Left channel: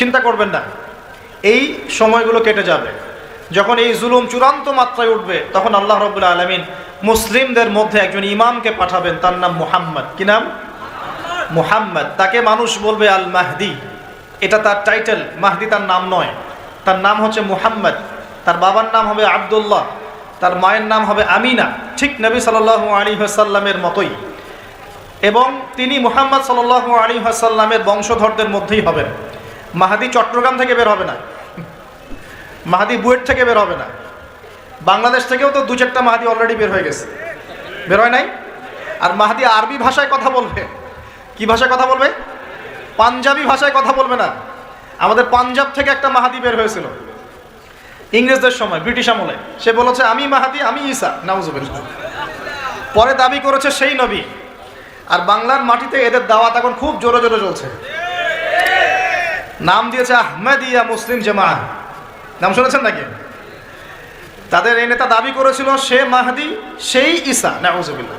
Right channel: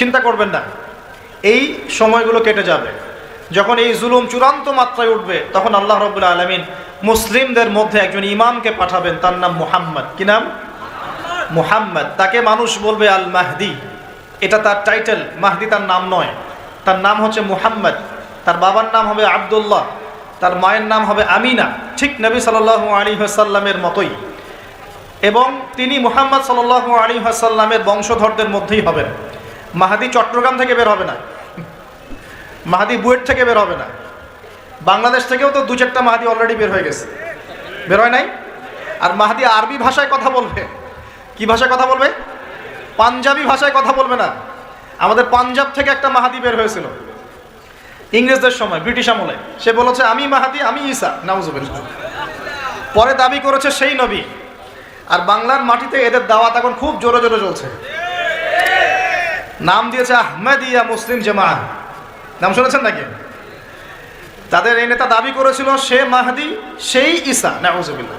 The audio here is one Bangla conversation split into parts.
চিন্তা করবেন না, এই সময়গুলো কেটে যাবে। যখন এই জুলুম চূড়ান্ত মাত্রায় উঠবে, তখন আল্লাহ রাব্বুল আলামিন মুসলিমদের মধ্যে একজন ইমামকে পাঠাবেন, তার নাম মুহাম্মদ। কি নাম? মুহাম্মদ। তাকে মানুষ বলবে আল মাহদি, এটা তার টাইটেল। মাহদি তার নাম নয়, তার নাম হচ্ছে মুহাম্মদ। তার বাবার নাম হবে আব্দুল্লাহ, তার মায়ের নাম হবে আমিনা, ঠিক নবী সাল্লাল্লাহু আলাইহি ওয়াসাল্লামের মতোই। এবং তিনি মুহাম্মদ সাল্লাল্লাহু আলাইহি ওয়াসাল্লামের বংশধরদের মধ্যেই হবেন। মাহদি চট্টগ্রাম থেকে বের হবে না, মাহদি বুয়েট থেকে বের হবে না। বাংলাদেশ থেকেও তো দু চারটা মাহদি অলরেডি বের হয়ে গেছে, বের হয় নাই? আর মাহদি আরবি ভাষায় কথা বলবে। কি ভাষায় কথা বলবে? পাঞ্জাবি ভাষায় কথা বলবে না। আমাদের পাঞ্জাব থেকে একটা মাহাদি বের হয়েছিল ইংরেজদের সময়, ব্রিটিশ আমলে। সে বলেছে আমি মাহাদি, আমি ঈসা, নাউজুবিল্লাহ। পরে দাবি করেছে সেই নবী। আর বাংলার মাটিতে এদের দাওয়াত এখন খুব জোরে জোরে চলছে। নাম দিয়েছে আহমেদিয়া মুসলিম জামাত, নাম শুনেছেন নাকি? তাদের এই নেতা দাবি করেছিল সে মাহদি, সেই ঈসা, নাউজুবিল্লাহ।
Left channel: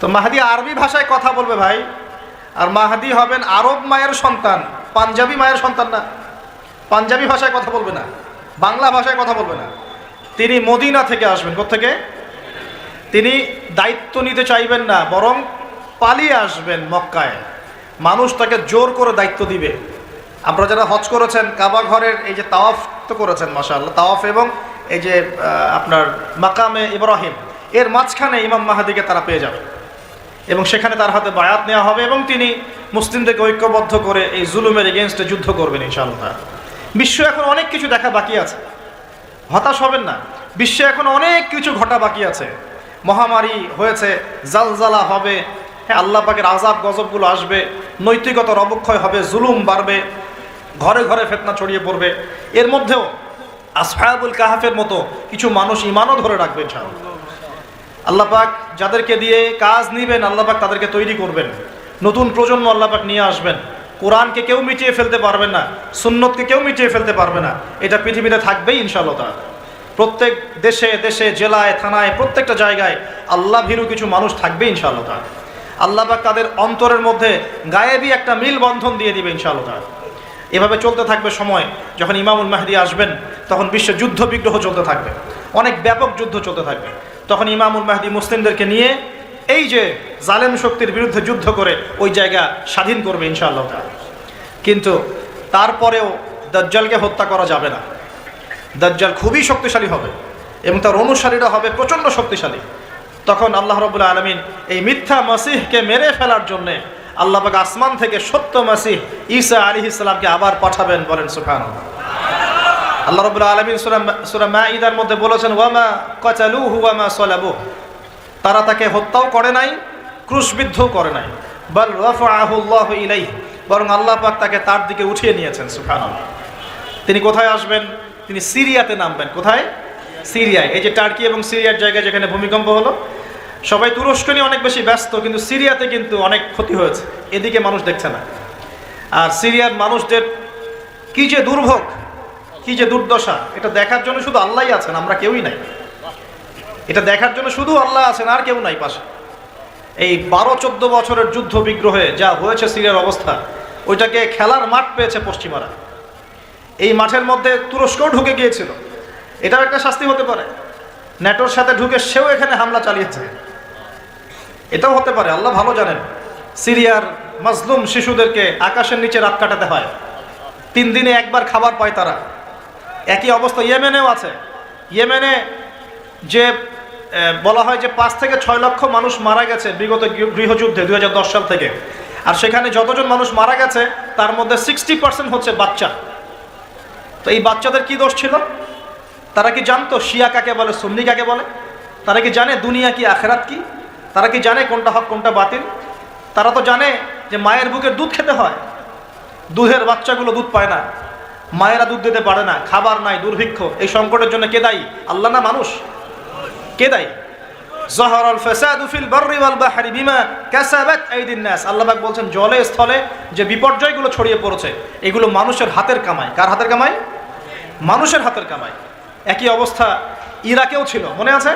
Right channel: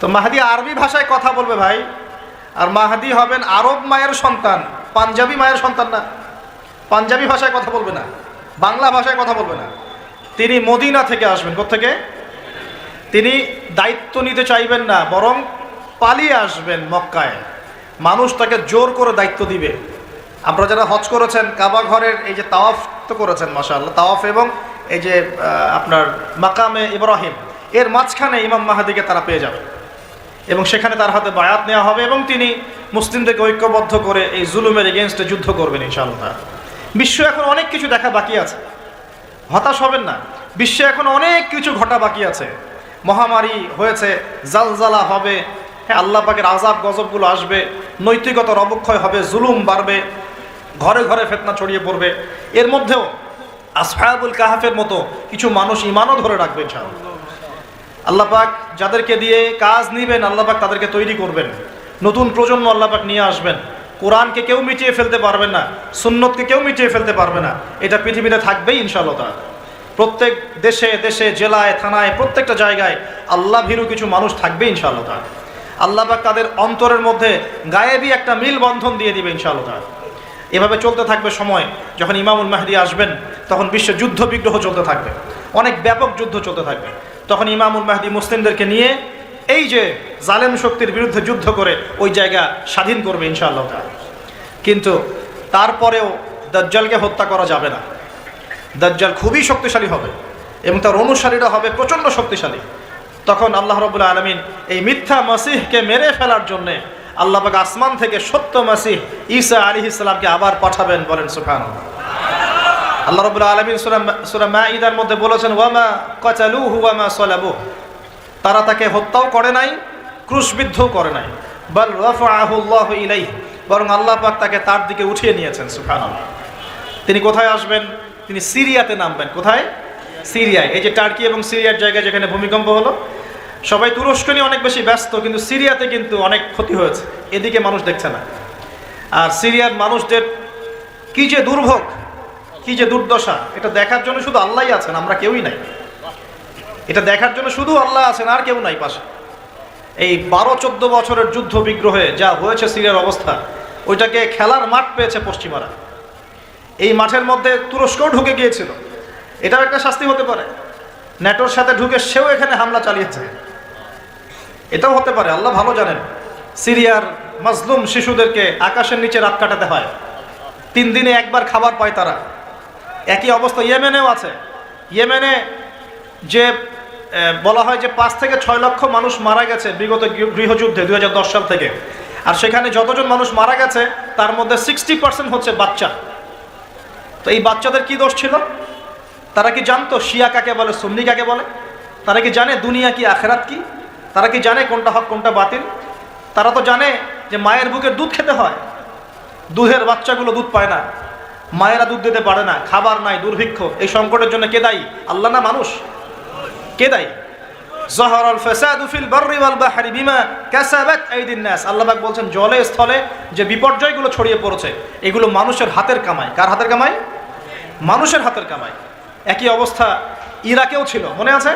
তো মাহদি আরবি ভাষায় কথা বলবে ভাই, আর মাহদি হবেন আরব মায়ের সন্তান, পাঞ্জাবি মায়ের সন্তান না। পাঞ্জাবি ভাষায় কথা বলবে না, বাংলা ভাষায় কথা বলবে না। তিনি মদিনা থেকে আসবেন। কোত্থেকে? তিনি দায়িত্ব নিতে চাইবেন না, বরং পালিয়ে আসবেন মক্কায়। মানুষ তাকে জোর করে দায়িত্ব দিবে। আপনারা যারা হজ করেছেন, কাবা ঘরের এই যে তাওয়াফ তো করেছেন, মাশাআল্লাহ, তাওয়াফ এবং এই যে আপনার মাকামে ইব্রাহিম, এর মাঝখানে ইমাম মাহদিকে তারা পেয়ে যাবে এবং সেখানে তার হাতে বায়াত নেওয়া হবে এবং তিনি মুসলিমদেরকে ঐক্যবদ্ধ করে এই জুলুমের এগেনস্টে যুদ্ধ করবেন ইনশাআল্লাহ। বিশ্ব এখন অনেক কিছু দেখা বাকি আছে, হতাশ হবেন না। বিশ্বে এখন অনেক কিছু ঘটা বাকি আছে। মহামারী হয়েছে, জালজালা হবে, হ্যাঁ, আল্লাহ পাকের আযাব গজবগুলো আসবে, নৈতিকতার অবক্ষয় হবে, জুলুম বাড়বে, ঘরে ঘরে ফিতনা ছড়িয়ে পড়বে। এর মধ্যেও আসহাবুল কাহাফের মতো কিছু মানুষ ঈমানও ধরে রাখবে ইনশাআল্লাহ। আল্লাহ পাক যাদেরকে দিয়ে কাজ নিবেন, আল্লাহ পাক তাদেরকে তৈরি করবেন। নতুন প্রজন্ম আল্লাহ পাক নিয়ে আসবেন। কোরআনকে কেউ মিটিয়ে ফেলতে পারবে না, সুন্নতকে কেউ মিটিয়ে ফেলতে পারবে না। এটা পৃথিবীতে থাকবেই ইনশাআল্লাহ তাআলা। প্রত্যেক দেশে দেশে, জেলায়, থানায়, প্রত্যেকটা জায়গায় আল্লাহ ভীরু কিছু মানুষ থাকবে ইনশাআল্লাহ তাআলা। আল্লাহ পাক তাদের অন্তরের মধ্যে গায়েবী একটা মিল বন্ধন দিয়ে দিবে ইনশাআল্লাহ তাআলা। এভাবে চলতে থাকবে সময়। যখন ইমামুল মাহদি আসবেন, তখন বিশ্বে যুদ্ধ বিগ্রহ চলতে থাকবে, অনেক ব্যাপক যুদ্ধ চলতে থাকবে। তখন ইমামুল মাহদি মুসলিমদেরকে নিয়ে এই যে জালেম শক্তির বিরুদ্ধে যুদ্ধ করে ওই জায়গা স্বাধীন করবে ইনশাআল্লাহ। কিন্তু তারপরেও দাজ্জালকে হত্যা করা যাবে না। দাজ্জাল খুবই শক্তিশালী হবে এবং তার অনুসারীরা হবে প্রচণ্ড শক্তিশালী। তখন আল্লাহ রাব্বুল আলামিন এই মিথ্যা মসিহকে মেরে ফেলার জন্য আল্লাহ পাক আসমান থেকে সত্য মসিহ ঈসা আলাইহিস সালামকে আবার পাঠাবেন। বলেন সুবহানাল্লাহ। আল্লাহ রাব্বুল আলামিন সূরা মাঈদার মধ্যে বলেছেন, ওয়ামা কাতালুহু ওয়ামা সালাবুহু, তারা তাকে হত্যাও করে নাই, ক্রুশবিদ্ধও করে নাই। বাল রাফাআহু আল্লাহু ইলাইহি, বরং আল্লাহ পাক তাকে তার দিকে উঠিয়ে নিয়েছেন। সুবহানাল্লাহ। তিনি কোথায় আসবেন? তিনি সিরিয়াতে নামবেন। কোথায়? সিরিয়ায়। এই যে টার্কি এবং সিরিয়ার জায়গায় যেখানে ভূমিকম্প হলো, সবাই তুরস্ক নিয়ে অনেক বেশি ব্যস্ত, কিন্তু সিরিয়াতে কিন্তু অনেক ক্ষতি হয়েছে, এদিকে মানুষ দেখছে না। আর সিরিয়ার মানুষদের কি যে দুর্ভোগ, কি যে দুর্দশা, এটা দেখার জন্য শুধু আল্লাহই আছেন, আমরা কেউই নাই। এটা দেখার জন্য শুধু আল্লাহ আছেন, আর কেউ নাই পাশে। এই 12-14 বছরের যুদ্ধ বিগ্রহে যা হয়েছে সিরিয়ার অবস্থা, ওইটাকে খেলার মাঠ পেয়েছে পশ্চিমারা। এই মাঠের মধ্যে তুরস্কও ঢুকে গিয়েছিল, এটাও একটা শাস্তি হতে পারে। ন্যাটোর সাথে ঢুকে সেও এখানে হামলা চালিয়েছে, এটাও হতে পারে, আল্লাহ ভালো জানেন। সিরিয়ার মাজলুম শিশুদেরকে আকাশের নিচে রাত কাটাতে হয়, 3 দিনে একবার খাবার পায় তারা। একই অবস্থা ইয়েমেনেও আছে। ইয়েমেনে যে বলা হয় যে 5 থেকে 6 লক্ষ মানুষ মারা গেছে বিগত গৃহযুদ্ধে 2010 সাল থেকে। আর সেখানে যতজন মানুষ মারা গেছে তার মধ্যে 60% হচ্ছে বাচ্চা। তো এই বাচ্চাদের কি দোষ ছিল? তারা কি জানতো শিয়া কাকে বলে, সুন্নি কাকে বলে? তারা কি জানে দুনিয়া কি, আখেরাত কি? তারা কি জানে কোনটা হক কোনটা বাতিল? তারা তো জানে যে মায়ের বুকের দুধ খেতে হয়, দুধের বাচ্চাগুলো দুধ পায় না, মায়েরা দুধ দিতে পারে না, খাবার নাই, দুর্ভিক্ষ। এই সংকটের জন্য কে দায়ী? আল্লাহ না মানুষ? কে দায়ী? যাহারাল ফাসাদু ফিল বাররি ওয়াল বাহরি বিমা কাসাবাত আইদিন নাস। আল্লাহ পাক বলেন জলে স্থলে যে বিপর্যয়গুলো ছড়িয়ে পড়েছে এগুলো মানুষের হাতের কামাই। কার হাতের কামাই? মানুষের হাতের কামাই। একই অবস্থা ইরাকেও ছিল, মনে আছে?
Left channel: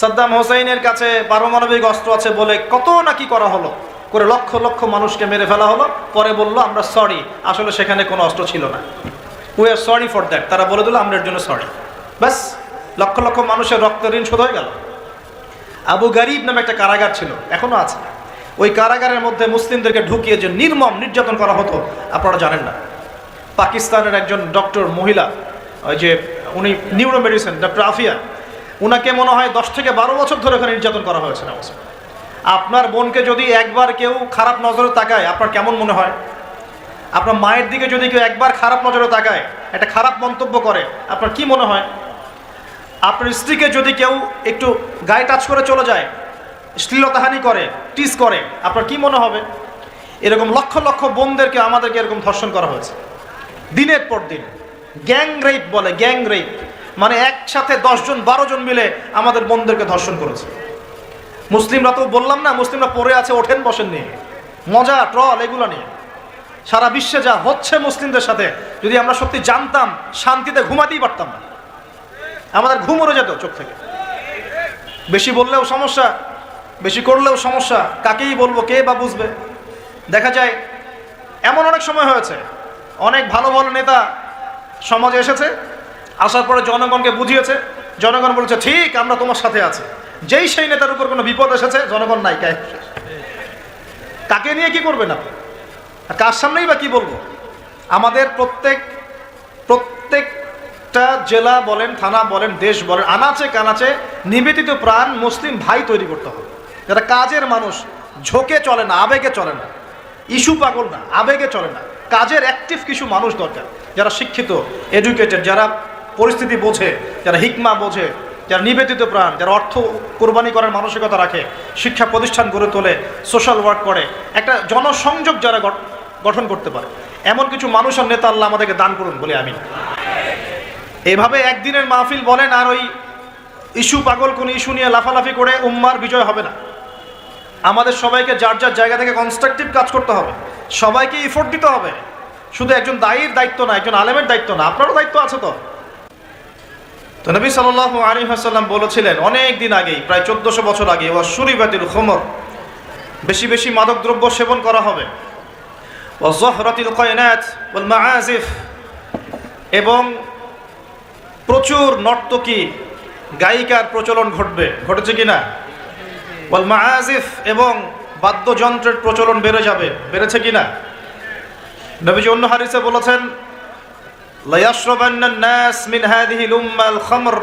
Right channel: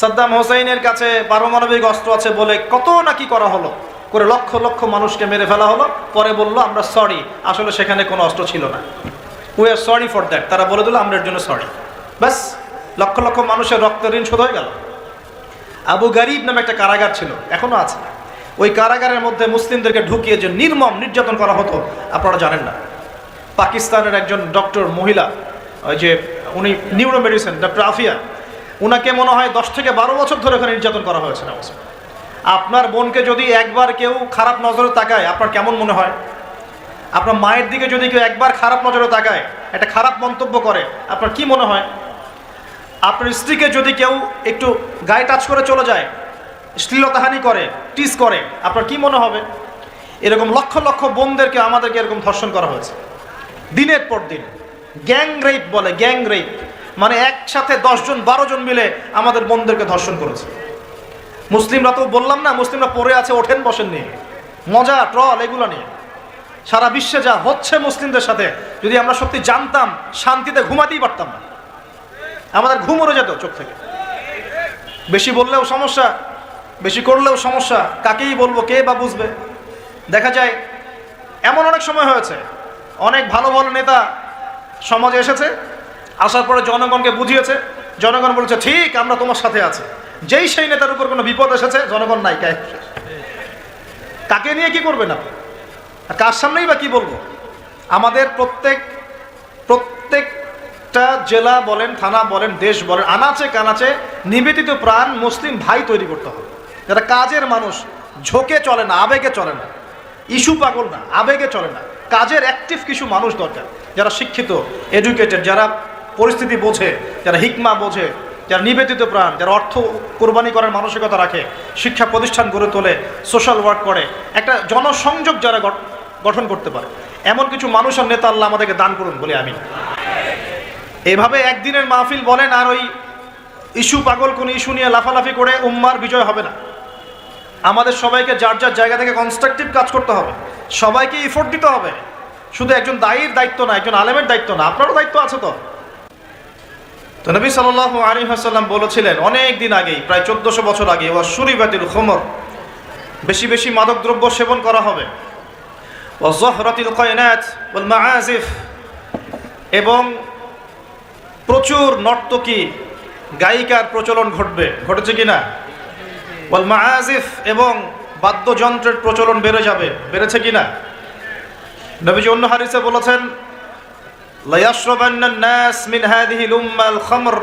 সাদ্দাম হোসেনের কাছে পারমাণবিক অস্ত্র আছে বলে কত নাকি করা হলো, করে লক্ষ লক্ষ মানুষকে মেরে ফেলা হলো। পরে বললো আমরা সরি, আসলে সেখানে কোনো অস্ত্র ছিল না, we are sorry for that. তারা বলে দিল আমরা এর জন্য সরি, ব্যাস লক্ষ লক্ষ মানুষের রক্ত ঋণ শোধ হয়ে গেল। আবু গারিব নামে একটা কারাগার ছিল, এখনো আছে। ওই কারাগারের মধ্যে মুসলিমদেরকে ঢুকিয়ে যে নির্মম নির্যাতন করা হতো আপনারা জানেন না। পাকিস্তানের একজন ডক্টর মহিলা, ওই যে উনি নিউরো মেডিসিন ডক্টর আফিয়া, ওনাকে মনে হয় 10 থেকে 12 বছর ধরে ওখানে নির্যাতন করা হয়েছে। আপনার বোনকে যদি একবার কেউ খারাপ নজরে তাকায় আপনার কেমন মনে হয়? আপনার মায়ের দিকে যদি কেউ একবার খারাপ নজরে তাকায়, একটা খারাপ মন্তব্য করে, আপনার কি মনে হয়? আপনার স্ত্রীকে যদি কেউ একটু গায়ে টাচ করে চলে যায়, শ্লীলতাহানি করে, টিস করে, আপনার কি মনে হবে? এরকম লক্ষ লক্ষ বোনদেরকে আমাদেরকে এরকম ধর্ষণ করা হয়েছে দিনের পর দিন। গ্যাং রেপ বলে, গ্যাং রেপ মানে একসাথে 10 জন 12 জন মিলে আমাদের বোনদেরকে ধর্ষণ করেছে। মুসলিমরা তো বললাম না, মুসলিমরা পড়ে আছে, ওঠেন বসেন নেই, মজা ট্রল এগুলো নেই। সারা বিশ্বে যা হচ্ছে মুসলিমদের সাথে, যদি আমরা সত্যি জানতাম শান্তিতে ঘুমাতেই পারতাম না, আমাদের ঘুম উড়ে যেত চোখ থেকে। বেশি বললেও সমস্যা, বেশি করলেও সমস্যা, কাকেই বলবো, কে বা বুঝবে? দেখা যায় এমন অনেক সময় হয়েছে, অনেক ভালো ভালো নেতা সমাজে এসেছে, আসার পরে জনগণকে বুঝিয়েছে, জনগণ বলছে ঠিক আমরা তোমার সাথে আছি। যেই সেই নেতার উপর কোনো বিপদ এসেছে, জনগণ নাই, তাকে নিয়ে কি করবে না, কার সামনেই বা কি বলবো? আমাদের প্রত্যেকটা জেলা বলেন, থানা বলেন, দেশ বলেন, আনাচে কানাচে নিবেদিত প্রাণ মুসলিম ভাই তৈরি করতে হবে, যারা কাজের মানুষ, ঝোঁকে চলে না, আবেগে চলে না, ইস্যু পাগল না, আবেগে চলে না, কাজের অ্যাক্টিভ কিছু মানুষ দরকার, যারা শিক্ষিত, এডুকেটেড, যারা পরিস্থিতি বোঝে, যারা হিকমা বোঝে, যারা নিবেদিত প্রাণ, যারা অর্থ কোরবানি করার মানসিকতা রাখে, শিক্ষা প্রতিষ্ঠান গড়ে তোলে, সোশ্যাল ওয়ার্ক করে, একটা জনসংযোগ যারা গঠন করতে পারে, এমন কিছু মানুষ আর নেতা আল্লাহ আমাদেরকে দান করুন বলে আমি। এভাবে একদিনের মাহফিল বলেন আর ওই ইস্যু পাগল কোন ইস্যু নিয়ে লাফালাফি করে উম্মার বিজয় হবে না। আমাদের সবাইকে যার যার জায়গা থেকে কনস্ট্রাকটিভ কাজ করতে হবে, সবাইকে এফোর্ট দিতে হবে। শুধু একজন দায়ীর দায়িত্ব না, একজন আলেমের দায়িত্ব না, আপনারও দায়িত্ব আছে। তো নবী সাল্লাল্লাহু আলাইহি ওয়াসাল্লাম বলেছিলেন অনেক দিন আগেই, প্রায় 1400 বছর আগে, ওয়াশুরিবাতিল খুমুর, বেশি বেশি মাদকদ্রব্য সেবন করা হবে, ওয়াযহরাতিল কায়নাত ওয়াল মাআজিফ, এবং প্রচুর নর্তকী গায়িকার প্রচলন ঘটবে, ঘটেছে কিনা? ওয়াল মাআজিফ, এবং বাদ্যযন্ত্রের প্রচলন বেড়ে যাবে, বেড়েছে কিনা? নবীজি অন্য হাদিসে বলেছেন লা ইয়াশরাবান্না আন-নাস মিন হাযিহিল উম্মাল খামর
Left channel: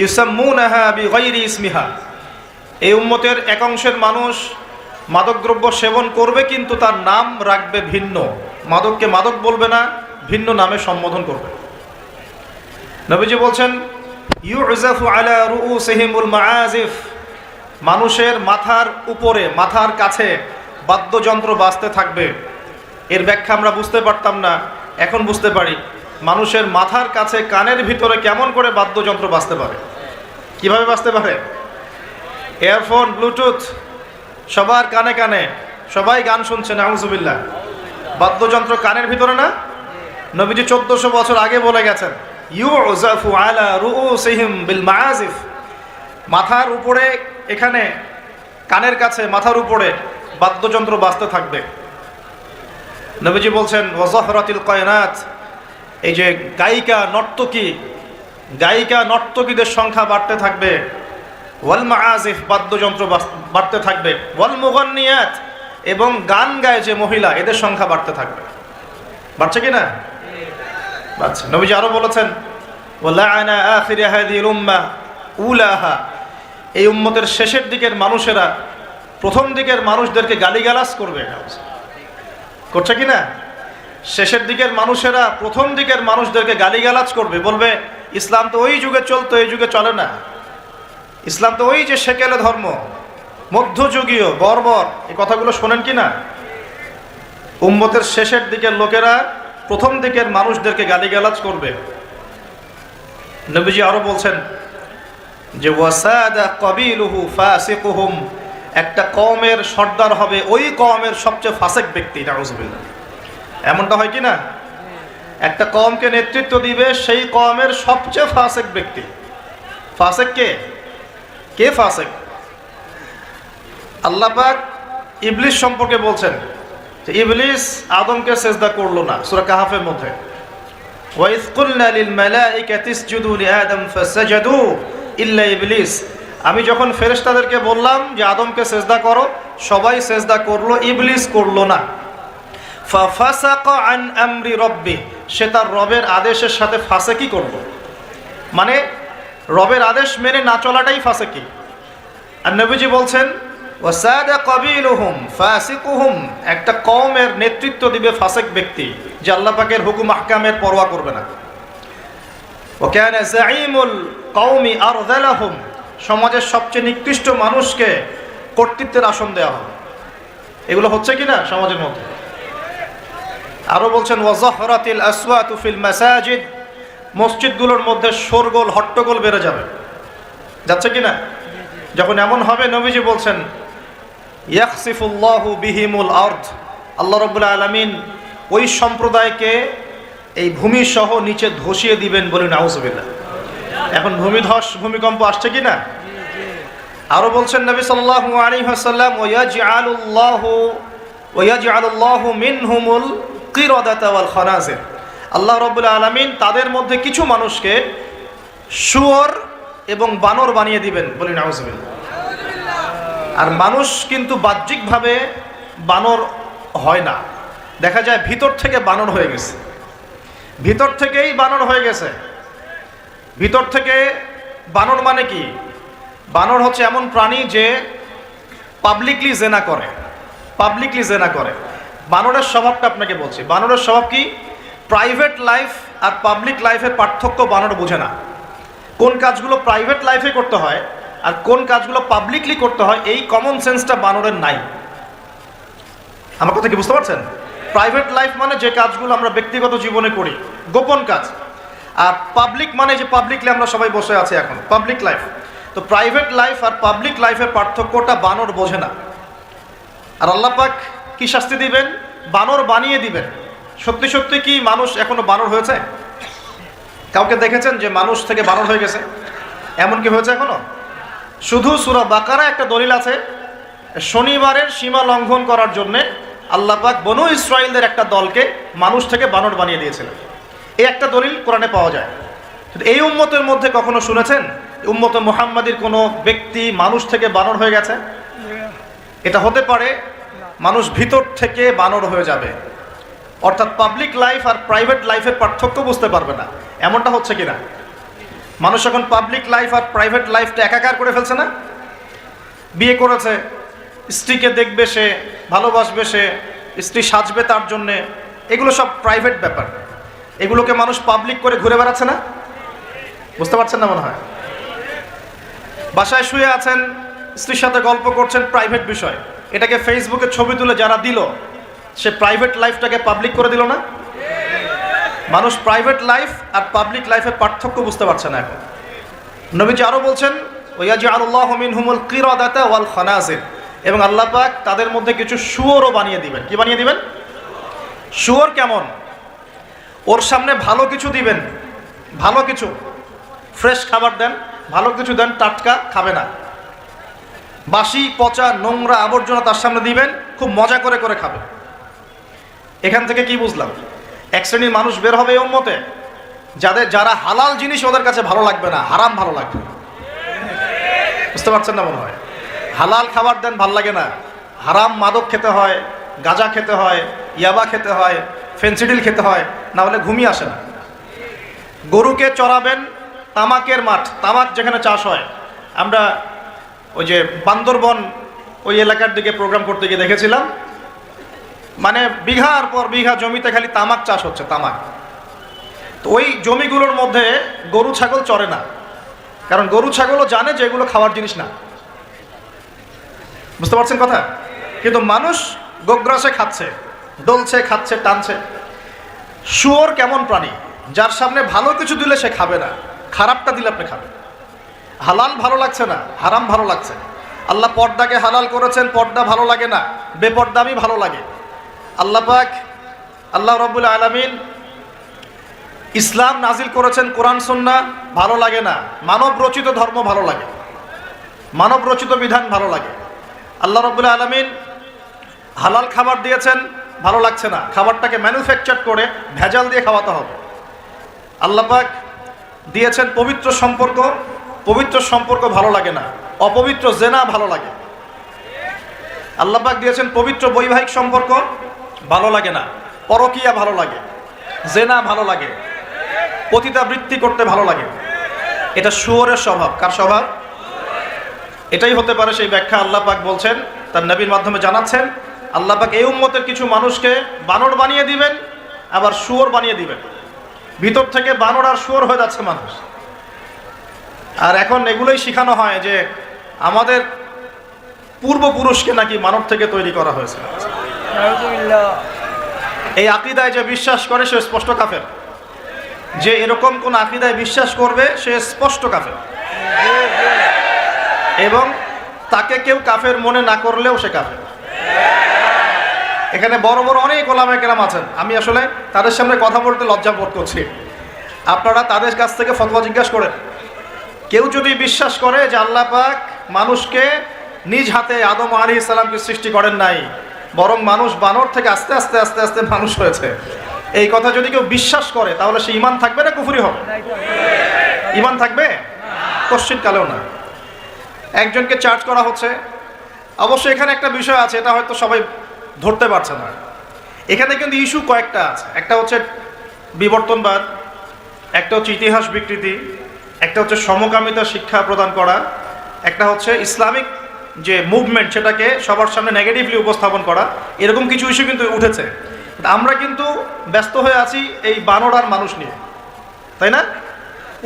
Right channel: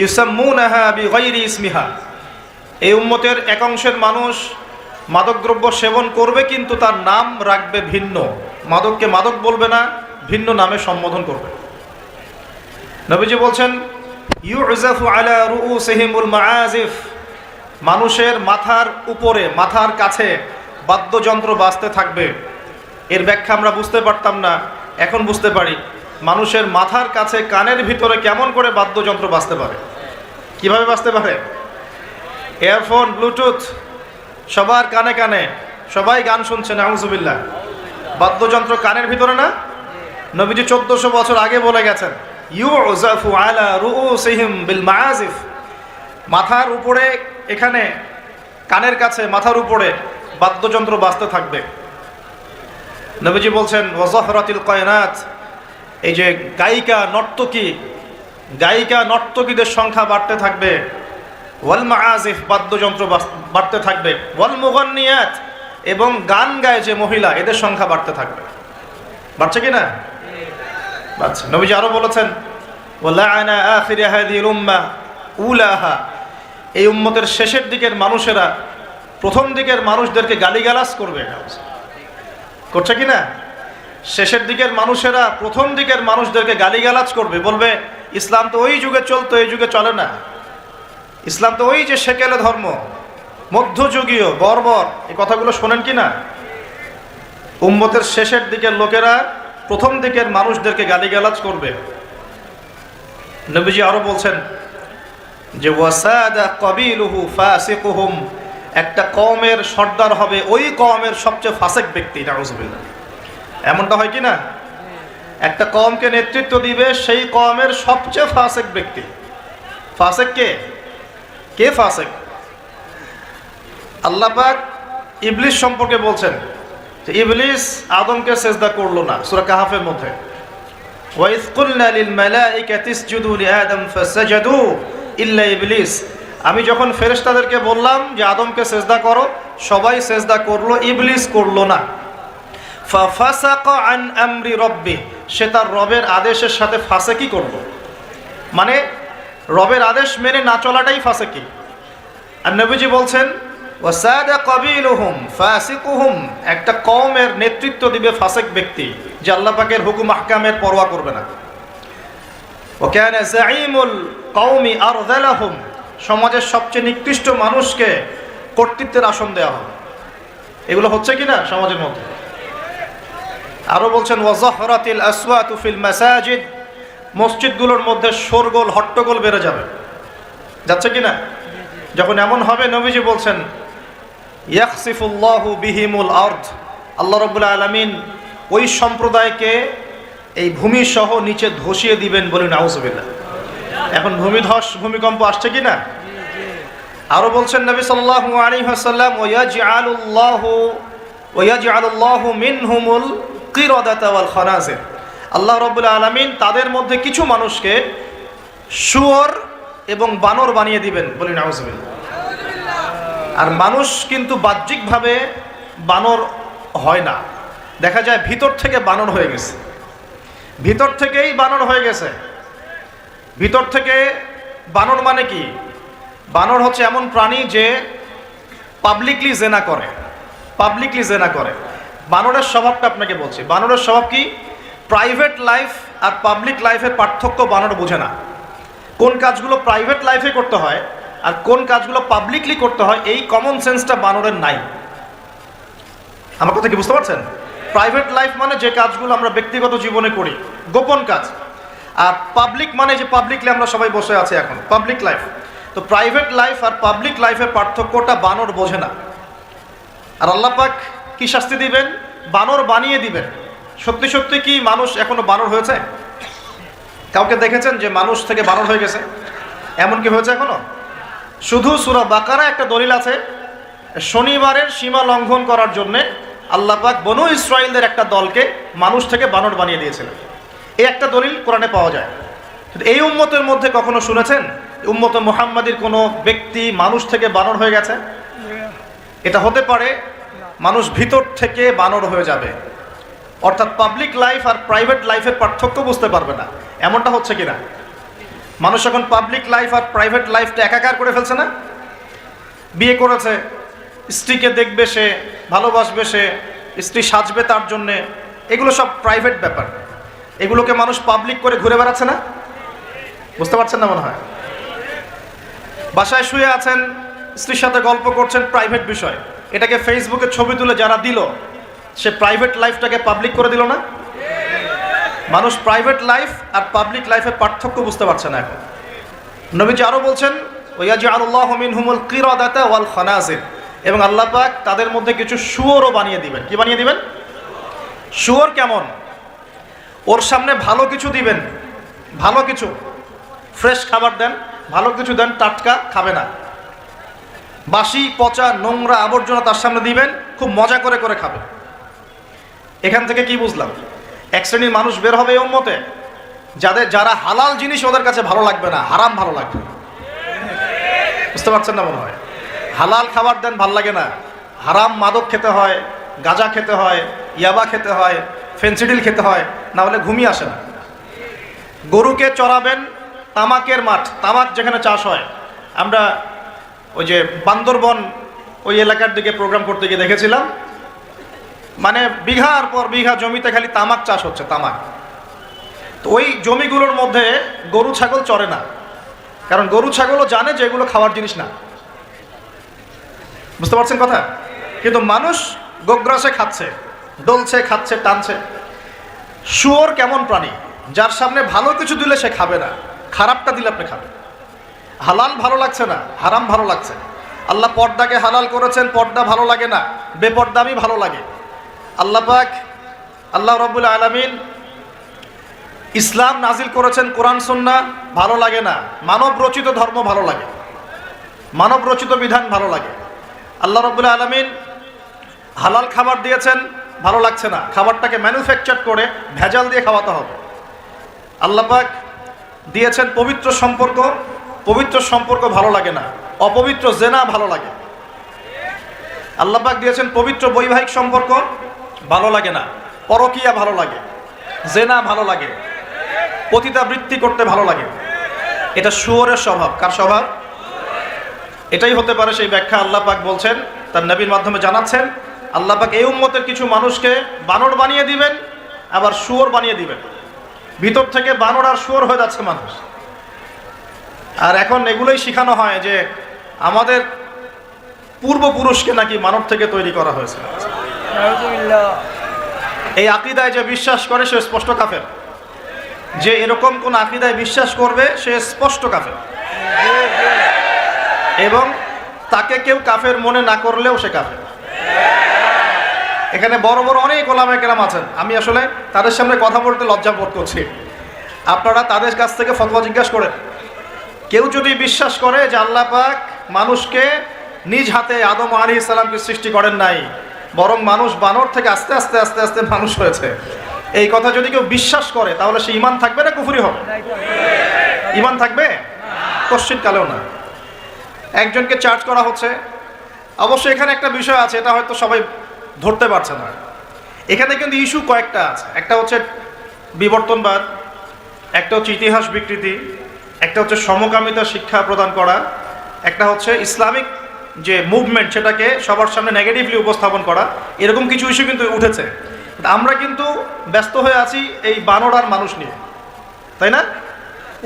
ইউসাম্মুনাহা বিগাইরি ইসমিহা। এই উম্মতের এক অংশের মানুষ মাদকদ্রব্য সেবন করবে, কিন্তু তার নাম রাখবে ভিন্ন, মাদককে মাদক বলবে না, ভিন্ন নামে সম্বোধন করবে। নবীজি বলছেন ইউযাফু আলা রুউসিহিমুল মাআজিফ, মানুষের মাথার উপরে, মাথার কাছে বাদ্যযন্ত্র বাজতে থাকবে। এর ব্যাখ্যা আমরা বুঝতে পারতাম না, এখন বুঝতে পারি। মানুষের মাথার কাছে, কানের ভিতরে কেমন করে বাদ্যযন্ত্র বাজতে পারে, কিভাবে বাজতে পারে? ইয়ারফোন, ব্লুটুথ, সবার কানে কানে, সবাই গান শুনছে, নাউযুবিল্লাহ। বাদ্যযন্ত্র কানের ভিতরে না? নবীজি 1400 বছর আগে বলে গেছেন ইউযাফু আলা রুউসিহিম বিল মাআজিফ, মাথার উপরে, এখানে কানের কাছে, মাথার উপরে বাদ্যযন্ত্র বাজতে থাকবে। নবীজি বলছেন ওয়াযহরাতিল কায়নাত, এই যে গায়িকা নর্তকীদের সংখ্যা বাড়তে থাকবে, ওয়াল মাআজিফ, বাদ্যযন্ত্র বাড়তে থাকবে, ওয়াল মুগান্নিয়াত, এবং গান গায় যে মহিলা, এদের সংখ্যা বাড়তে থাকবে। বাড়ছে কি না? বাড়ছে। নবীজি আরো বলেছেন ওয়ালাআনা আখির হাযিহিল উম্মাহ উলাহা, এই উম্মতের শেষের দিকের মানুষেরা প্রথম দিকের মানুষদেরকে গালিগালাজ করবে। করছে কি না? শেষের দিকের মানুষেরা প্রথম দিকের মানুষদেরকে গালিগালাজ করবে, বলবে ইসলাম তো ওই যুগে চলতো, এই যুগে চলে না, ইসলাম তো ওই যে সেকেলে ধর্ম, মধ্যযুগীয় বর্বর, এই কথাগুলো শোনেন কি না? উম্মতের শেষের দিকের লোকেরা প্রথম দিকের মানুষদেরকে গালিগালাজ করবে। নবীজি আরো বলছেন যে ওয়াসাদা কাবিলুহু ফাসিকুহুম, একটা কওমের সর্দার হবে ওই কওমের সবচেয়ে ফাসিক ব্যক্তি। এমনটা হয় কি না? একটা কওমকে নেতৃত্ব দিবে সেই কওমের সবচেয়ে ফাসিক ব্যক্তি। ফাসিক কে? কে ফাসিক? আল্লাহ পাক ইবলিস সম্পর্কে বলছেন যে ইবলিস আদমকে সেজদা করলো না, সূরা কাহাফের মধ্যে ওয়াইজ কুলনা লিল মালাইকাতি ইসজুদু লিআদম ফাসাজাদু ইল্লা ইবলিস। আমি যখন ফেরেশতাদেরকে বললাম যে আদমকে সেজদা করো, সবাই সেজদা করলো, ইবলিস করলো না। ফাফাসাকা আন আমরি রাব্বি, সে তার রবের আদেশের সাথে ফাসেকি করলো, মানে রবের আদেশ মেনে না চলাটাই ফাসেকি। আর নবীজি বলছেন ওয়াসাদা কাবিলুহুম ফাসিকুহুম, একটা কওমের নেতৃত্ব দিবে ফাসিক ব্যক্তি, যে আল্লাহ পাকের হুকুম আহকামের পরোয়া করবে না। ওয়া কানা যাঈমুল কওমি আরযালাহুম, সমাজের সবচেয়ে নিকৃষ্ট মানুষকে কর্তৃত্বের আসন দেওয়া হবে। এগুলো হচ্ছে কিনা সমাজের মধ্যে? আরো বলছেন ওয়াজাহরাতিল আসওয়াতু ফিল মাসাজিদ, মসজিদগুলোর মধ্যে শোরগোল হট্টগোল বেড়ে যাবে, যাচ্ছে কিনা? যখন এমন হবে নবীজি বলছেন ইয়াখসিফুল্লাহু বিহিমুল আরদ, আল্লাহ রাব্বুল আলামিন ওই সম্প্রদায়কে এই ভূমি সহ নিচে ধসিয়ে দিবেন, বলে নাউজুবিল্লাহ। এখন ভূমিধস ভূমিকম্প আসছে কিনা? আরো বলছেন নবী সাল্লাল্লাহু আলাইহি ওয়াসাল্লাম ওয়ায়াজআলুল্লাহু মিনহুমুল কিরাদাতা ওয়াল খানাজির, আল্লাহ রাব্বুল আলামিন তাদের মধ্যে কিছু মানুষকে শুয়োর এবং বানর বানিয়ে দিবেন, বলে নাউজুবিল্লাহ। আর মানুষ কিন্তু বাহ্যিকভাবে বানর হয় না, দেখা যায় ভিতর থেকে বানর হয়ে গেছে, ভিতর থেকেই বানর হয়ে গেছে। ভিতর থেকে বানর মানে কি? বানর হচ্ছে এমন প্রাণী যে পাবলিকলি জেনা করে, পাবলিকলি জেনা করে। বানরের স্বভাবটা আপনাকে বলছি, বানরের স্বভাব কি? প্রাইভেট লাইফ আর পাবলিক লাইফের পার্থক্য বানর বোঝে না। কোন কাজগুলো প্রাইভেট লাইফে করতে হয় আর কোন কাজগুলো পাবলিকলি করতে হয়, এই কমন সেন্সটা বানরের নাই। আমার কথা কি বুঝতে পারছেন? প্রাইভেট লাইফ মানে যে কাজগুলো আমরা ব্যক্তিগত জীবনে করি, গোপন কাজ। আর পাবলিক মানে যে পাবলিকলি আমরা সবাই বসে আছি এখন, পাবলিক লাইফ। তো প্রাইভেট লাইফ আর পাবলিক লাইফের পার্থক্যটা বানর বোঝে না। আর আল্লাহ পাক কি শাস্তি দিবেন? বানর বানিয়ে দিবেন। সত্যি সত্যি কি মানুষ এখনো বানর হয়েছে? কাউকে দেখেছেন যে মানুষ থেকে বানর হয়ে গেছে? এমন কি হয়েছে এখনো? শুধু সূরা বাকারা একটা দলিল আছে, শনিবারের সীমা লঙ্ঘন করার জন্যে আল্লাহ পাক বনু ইসরাইলদের একটা দলকে মানুষ থেকে বানর বানিয়ে দিয়েছিলেন। এই একটা দলিল কোরআনে পাওয়া যায়। এই উম্মতের মধ্যে কখনো শুনেছেন উম্মতে মুহাম্মাদির কোনো ব্যক্তি মানুষ থেকে বানর হয়ে গেছে? এটা হতে পারে মানুষ ভিতর থেকে বানর হয়ে যাবে, অর্থাৎ পাবলিক লাইফ আর প্রাইভেট লাইফের পার্থক্য বুঝতে পারবে না। এমনটা হচ্ছে কিনা? মানুষ এখন পাবলিক লাইফ আর প্রাইভেট লাইফটা একাকার করে ফেলছে না? বিয়ে করেছে, স্ত্রীকে দেখবে সে, ভালোবাসবে সে, স্ত্রী সাজবে তার জন্যে, এগুলো সব প্রাইভেট ব্যাপার। এগুলোকে মানুষ পাবলিক করে ঘুরে বেড়াচ্ছে না? বুঝতে পারছেন না মনে হয়? বাসায় শুয়ে আছেন, স্ত্রীর সাথে গল্প করছেন, প্রাইভেট বিষয়। এটাকে ফেসবুকে ছবি তুলে যারা দিল, সে প্রাইভেট লাইফটাকে পাবলিক করে দিল না? মানুষ প্রাইভেট লাইফ আর পাবলিক লাইফের পার্থক্য বুঝতে পারছে না এখন। নবীজি আরো বলছেন ওয়ায়াজআলুল্লাহু মিনহুমুল কিরাদাতা ওয়াল খানাজির, এবং আল্লাহ পাক তাদের মধ্যে কিছু শুয়োরও বানিয়ে দিবেন। কি বানিয়ে দিবেন? শুয়োর কেমন? ওর সামনে ভালো কিছু দিবেন, ভালো কিছু, ফ্রেশ খাবার দেন, ভালো কিছু দেন, টাটকা খাবে না। বাসি পচা নোংরা আবর্জনা তার সামনে দিবেন, খুব মজা করে করে খাবে। এখান থেকে কি বুঝলাম? এক শ্রেণীর মানুষ বের হবে এই উম্মতে, যারা হালাল জিনিস ওদের কাছে ভালো লাগবে না, হারাম ভালো লাগবে। বুঝতে পারছেন না মনে হয়? হালাল খাবার দেন, ভাল লাগে না, হারাম মাদক খেতে হয়, গাঁজা খেতে হয়, ইয়াবা খেতে হয়, ফেন্সিডিল খেতে হয়, না হলে ঘুমিয়ে আসে না। গরুকে চড়াবেন তামাকের মাঠ, তামাক যেখানে চাষ হয়। আমরা ওই যে বান্দরবন ওই এলাকার দিকে প্রোগ্রাম করতে গিয়ে দেখেছিলাম, মানে বিঘার পর বিঘা জমিতে খালি তামাক চাষ হচ্ছে, তামাক। তো ওই জমিগুলোর মধ্যে গরু ছাগল চড়ে না, কারণ গরু ছাগলও জানে যে এগুলো খাওয়ার জিনিস না। বুঝতে পারছেন কথা? কিন্তু মানুষ গোগ্রাসে খাচ্ছে, ডলছে, খাচ্ছে, টানছে। শুয়োর কেমন প্রাণী? যার সামনে ভালো কিছু দিলে সে খাবে না, খারাপটা দিলে আপনি খাবেন। হালাল ভালো লাগছে না, হারাম ভালো লাগছে। আল্লাহ পর্দাকে হালাল করেছেন, পর্দা ভালো লাগে না, বেপর্দামি ভালো লাগে। আল্লাহ পাক, আল্লাহ রাব্বুল আলামিন ইসলাম নাজিল করেছেন, কোরআন সুন্নাহ ভালো লাগে না, মানব রচিত ধর্ম ভালো লাগে, মানব রচিত বিধান ভালো লাগে। আল্লাহ রাব্বুল আলামিন হালাল খাবার দিয়েছেন, ভালো লাগছে না, খাবারটাকে ম্যানুফ্যাকচার করে ভেজাল দিয়ে খাওয়াতে হবে। আল্লাহ পাক দিয়েছেন পবিত্র সম্পর্ক, পবিত্র সম্পর্ক ভালো লাগে না, অপবিত্র জেনা ভালো লাগে। আল্লাহ পাক দিয়েছেন পবিত্র বৈবাহিক সম্পর্ক, ভালো লাগে না, পরকীয়া ভালো লাগে, জেনা ভালো লাগে, পতিতাবৃত্তি করতে ভালো লাগে। এটা শুয়োরের স্বভাব। কার স্বভাব? এটাই হতে পারে সেই ব্যাখ্যা আল্লাহ পাক বলছেন, তার নবীর মাধ্যমে জানাচ্ছেন, আল্লাহ পাক এই উম্মতের কিছু মানুষকে বানর বানিয়ে দিবেন, আবার শুয়োর বানিয়ে দিবেন। ভিতর থেকে বানর আর শুয়োর হয়ে যাচ্ছে মানুষ। আর এখন এগুলোই শেখানো হয় যে আমাদের পূর্বপুরুষকে নাকি মানব থেকে তৈরি করা হয়েছে। এই আকীদায় যে বিশ্বাস করে সে স্পষ্ট কাফের। যে এরকম কোন আকীদায় বিশ্বাস করবে সে স্পষ্ট কাফের, এবং তাকে কেউ কাফের মনে না করলেও সে কাফের। এখানে বড় বড় অনেক ওলামায়ে কেরাম আছেন, আমি আসলে তাদের সামনে কথা বলতে লজ্জা বোধ করছি। আপনারা তাদের কাছ থেকে ফতোয়া জিজ্ঞাসা করেন। কেউ যদি বিশ্বাস করে যে আল্লাহ পাক মানুষকে নিজ হাতে আদম আলাইহিস সালামকে সৃষ্টি করেন নাই, বরং মানুষ বানর থেকে আস্তে আস্তে আস্তে আস্তে মানুষ হয়েছে, এই কথা যদি কেউ বিশ্বাস করে তাহলে সে ঈমান থাকবে না কুফরি হবে? ঈমান থাকবে? কোশ্চিন কালেও না। একজনকে চার্জ করা হচ্ছে। অবশ্যই এখানে একটা বিষয় আছে, এটা হয়তো সবাই ধরতে পারছে না। এখানে কিন্তু ইস্যু কয়েকটা আছে। একটা হচ্ছে বিবর্তনবাদ, একটা হচ্ছে ইতিহাস বিকৃতি, একটা হচ্ছে সমকামিতা শিক্ষা প্রদান করা, একটা হচ্ছে ইসলামিক যে মুভমেন্ট সেটাকে সবার সামনে নেগেটিভলি উপস্থাপন করা। এরকম কিছু ইস্যু কিন্তু উঠেছে। আমরা কিন্তু ব্যস্ত হয়ে আছি এই বানর আর মানুষ নিয়ে, তাই না?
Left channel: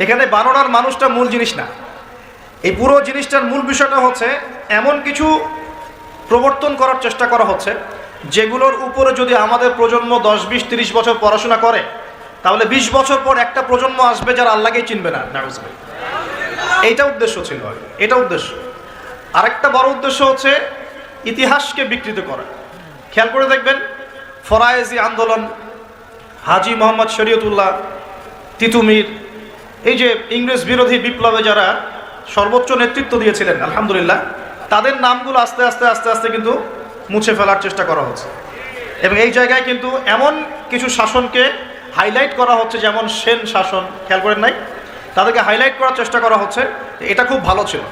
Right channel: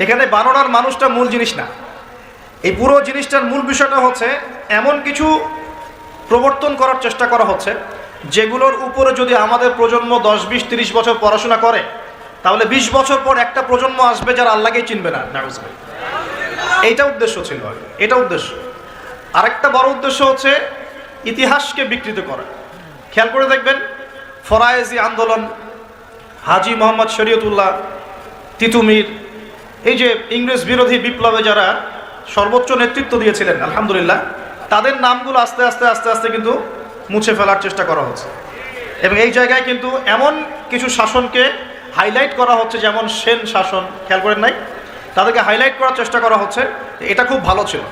এখানে বানর আর মানুষটা মূল জিনিস না। এই পুরো জিনিসটার মূল বিষয়টা হচ্ছে এমন কিছু প্রবর্তন করার চেষ্টা করা হচ্ছে যেগুলোর উপরে যদি আমাদের প্রজন্ম 10, 20, 30 বছর পড়াশোনা করে তাহলে 20 বছর পর একটা প্রজন্ম আসবে যারা আল্লাহকেই চিনবে না। নাউজুবিল্লাহ। এইটা উদ্দেশ্য ছিল, এটা উদ্দেশ্য। আরেকটা বড় উদ্দেশ্য হচ্ছে ইতিহাসকে বিকৃত করা। খেয়াল করে দেখবেন, ফরায়েজি আন্দোলন, হাজী মোহাম্মদ শরীয়তুল্লাহ, তিতুমির, এই যে ইংরেজ বিরোধী বিপ্লবে যারা সর্বোচ্চ নেতৃত্ব দিয়েছিলেন, আলহামদুলিল্লাহ, তাদের নামগুলো আস্তে আস্তে আস্তে আস্তে কিন্তু মুছে ফেলার চেষ্টা করা হচ্ছে। এই জায়গায় কিন্তু এমন কিছু শাসনকে হাইলাইট করা হচ্ছে, যেমন শেখ শাসন, খেয়াল করেন নাই, তাদেরকে হাইলাইট করার চেষ্টা করা হচ্ছে। এটা খুব ভালো ছিল।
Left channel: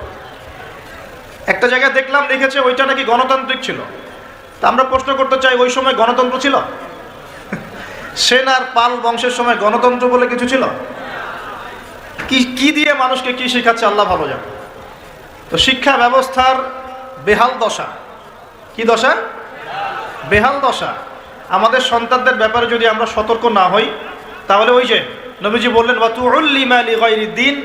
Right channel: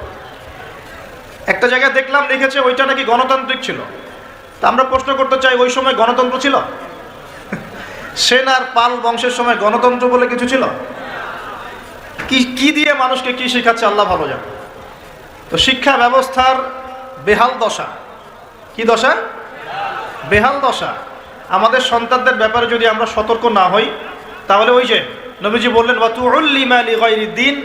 একটা জায়গায় দেখলাম লিখেছে ওইটা নাকি গণতন্ত্র ছিল। আমরা প্রশ্ন করতে চাই, ওই সময় গণতন্ত্র ছিল? সেন আর পাল বংশের সময় গণতন্ত্র বলে কিছু ছিল? কি দিয়ে মানুষকে কি শেখাচ্ছে আল্লাহ ভালো জানে। শিক্ষা ব্যবস্থার বেহাল দশা। কি দশা? বেহাল দশা। আমাদের সন্তানদের ব্যাপারে যদি আমরা সতর্ক না হই তাহলে ওই যে নবীজি বললেন ওয়াতুউল্লিমা লিগাইরিদ্দিন,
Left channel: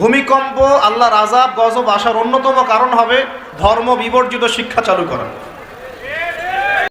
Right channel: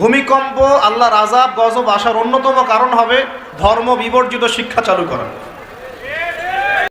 ভূমিকম্প, আল্লাহর আযাব, গজব আসার অন্যতম কারণ হবে ধর্ম বিবর্জিত শিক্ষা চালু করা।